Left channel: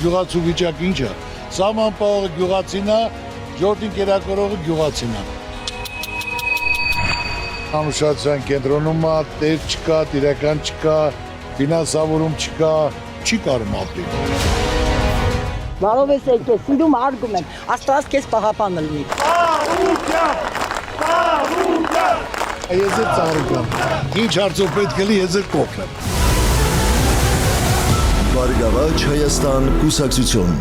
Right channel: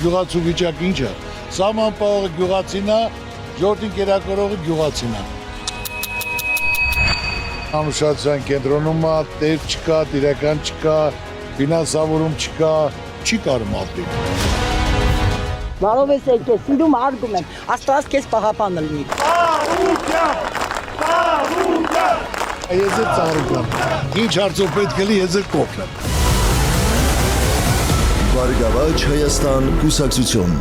գյուղացու վիճակ ինչ է։ Սահմանապահողը գյուղացին է, ժողովրդին կերակրողը գյուղացին է։ Անուշացիան կենտրոնում է, տեր չկա, տիրական չկա, ֆինանսավորում չկա, չի կարում ապրել։ Բարով ես եկել, սիրում արգում եմ, Աստված քեզ պահապանը լինի։ Ես էլ ծառուկ եմ, ինչ հարցով պետք է լի, ես էլ կոքն եմ։ Բարգավաճ Հայաստան կուսակցություն։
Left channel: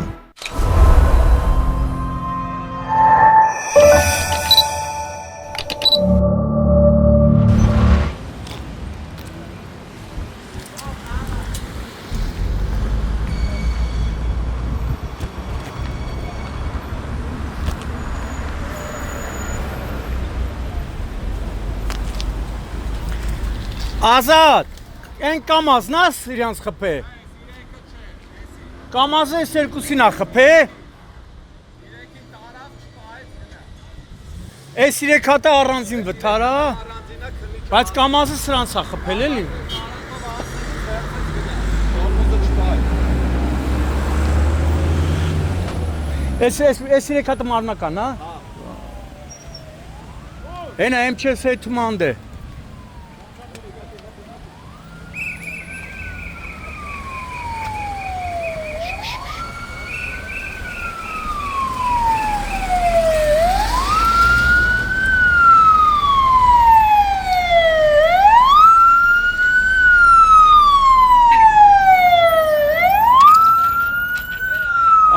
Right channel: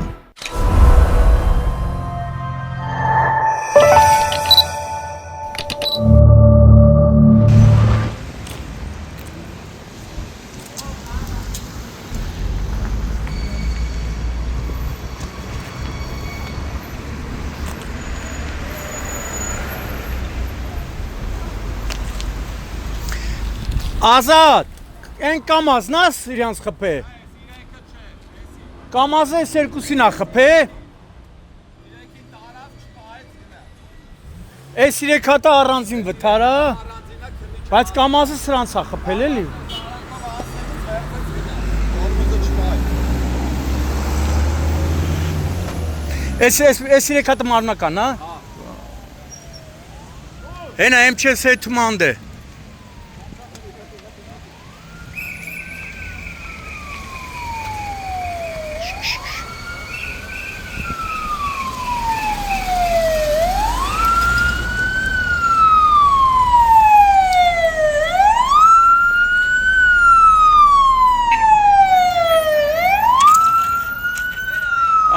Ազատ, են կամազն ես իրանց խպե։ Կամազը ես երկուսին ա խպե։ Ես իրեք հատա առանձին վթարա, բայց կամազը սրանց ա խպել էլի։ Ես իրեք հատը մարմնական, հա։ Հենա եմ չես հետ մանդ է։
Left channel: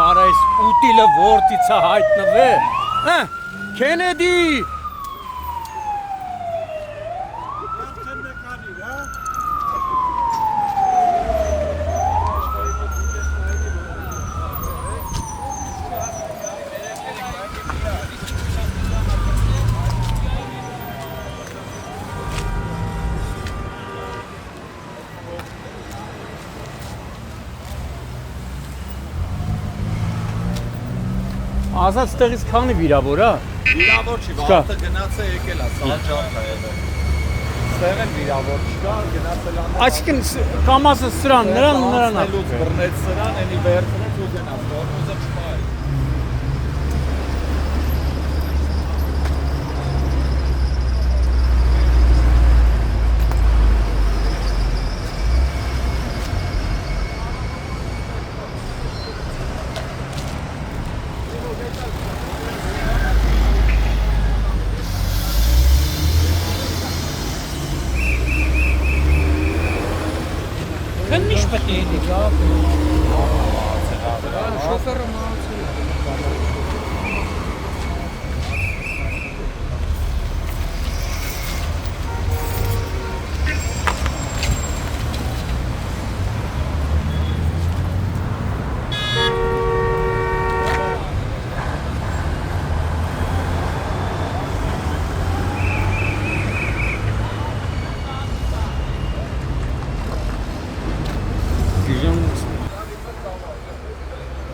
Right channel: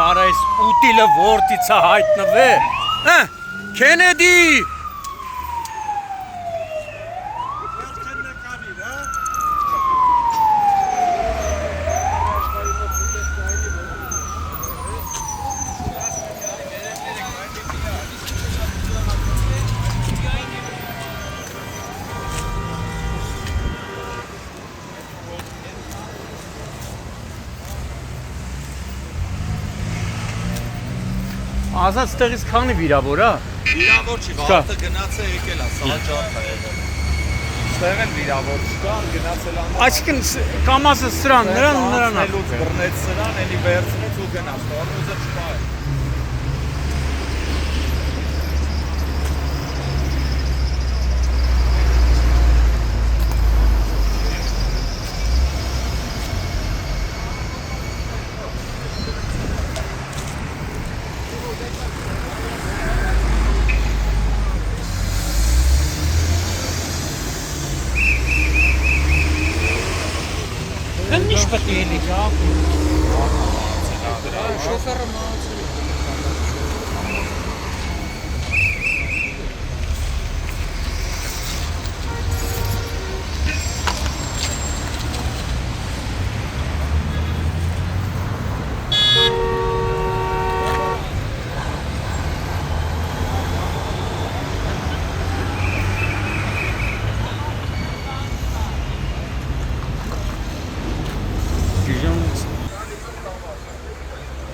Արա այս ուտիլը որդից է հայտնվե, Քենեդի։ Ազատ ստեղից քանի վիրավոր է։ Վիրավոր չի, վաղը գնաց է եկել է, սաղջակ է եղել։ Ստեղ են վիրավոր չկա, գնացել ան։ Այսինքն կամազը սրան, նրան Լուց բռնեց սրան, էլի վերցրեց ու գնաց, տորմուզը չկա։ Քննիշ պետք է լինի, Շոֆերը մնացել է։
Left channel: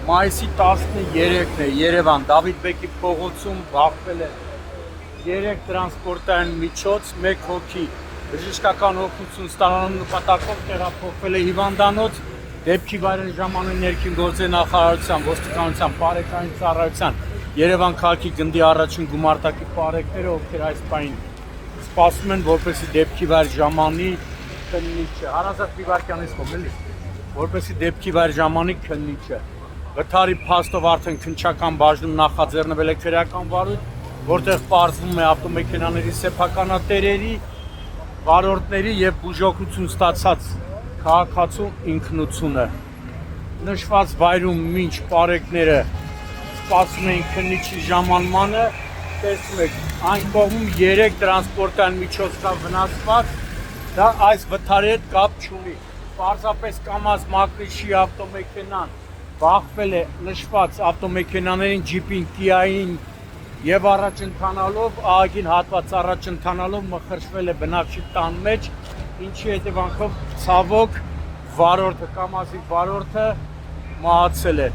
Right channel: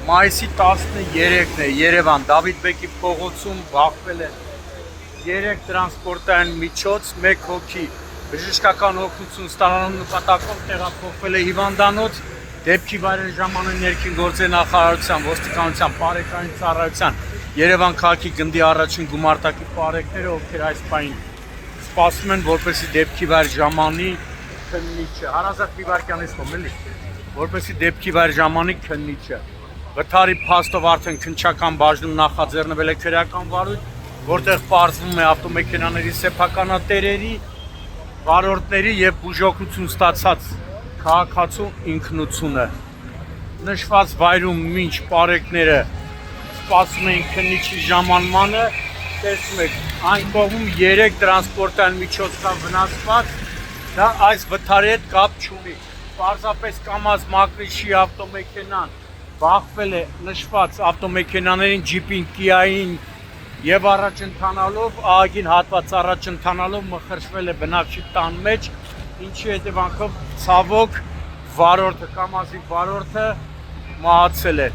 Մայիսի 13-ն է Երևան, Դավիթ Բեկի փողոցում բախվել է 3 տրանսպորտային միջոց, 1 հոգի բժշկական օգնություն ստանալու նպատակով տեղափոխվել է հիվանդանոց, դեպքի վայրի ժամանակ ներքին գործերի նախարարության, ոստիկանության, բարեկային ծառայության, Երևան քաղաքի գնդի առաջին գումարտակի բարեկները, ովքեր այս պահին սպասում են, որպեսզի դեպքի վայր ժամանի քննիչը, Հարազատ Բիվարյանից խոմ էլի, որպեսզի դեպքի վայր ժամանի քննիչը Վթարի փաստով արդեն քննչական բաժնում նախաձեռնվել է քրեական վարույթ, որտեղ պարզվում է ավտոմեքենաների սեփականատերերի, վարորդների եւ բուժօգնություն ստացած քաղաքացու ինքնությունը։ Նշված վայրում մինչ բարեկները սպասում էին քննիչի ժամանմանը, տեսնում եք, այն կողմում 3 տրանսպորտային միջոց կա վնասված, դա այս վթարի հետ կապ չունի։ Պարզապես կամազ մակնիշի ավտոմեքենան բախվել է նշված ավտոմեքենաներին, ջիպին, կիային եւ առաջ ընթանալով, ահագին հատված առաջ ընթանալով մխրճվել է բնակչի տան մեջ, ինչի հետևանքով ցավոք վարորդը, կամազի վարորդը մահացել է։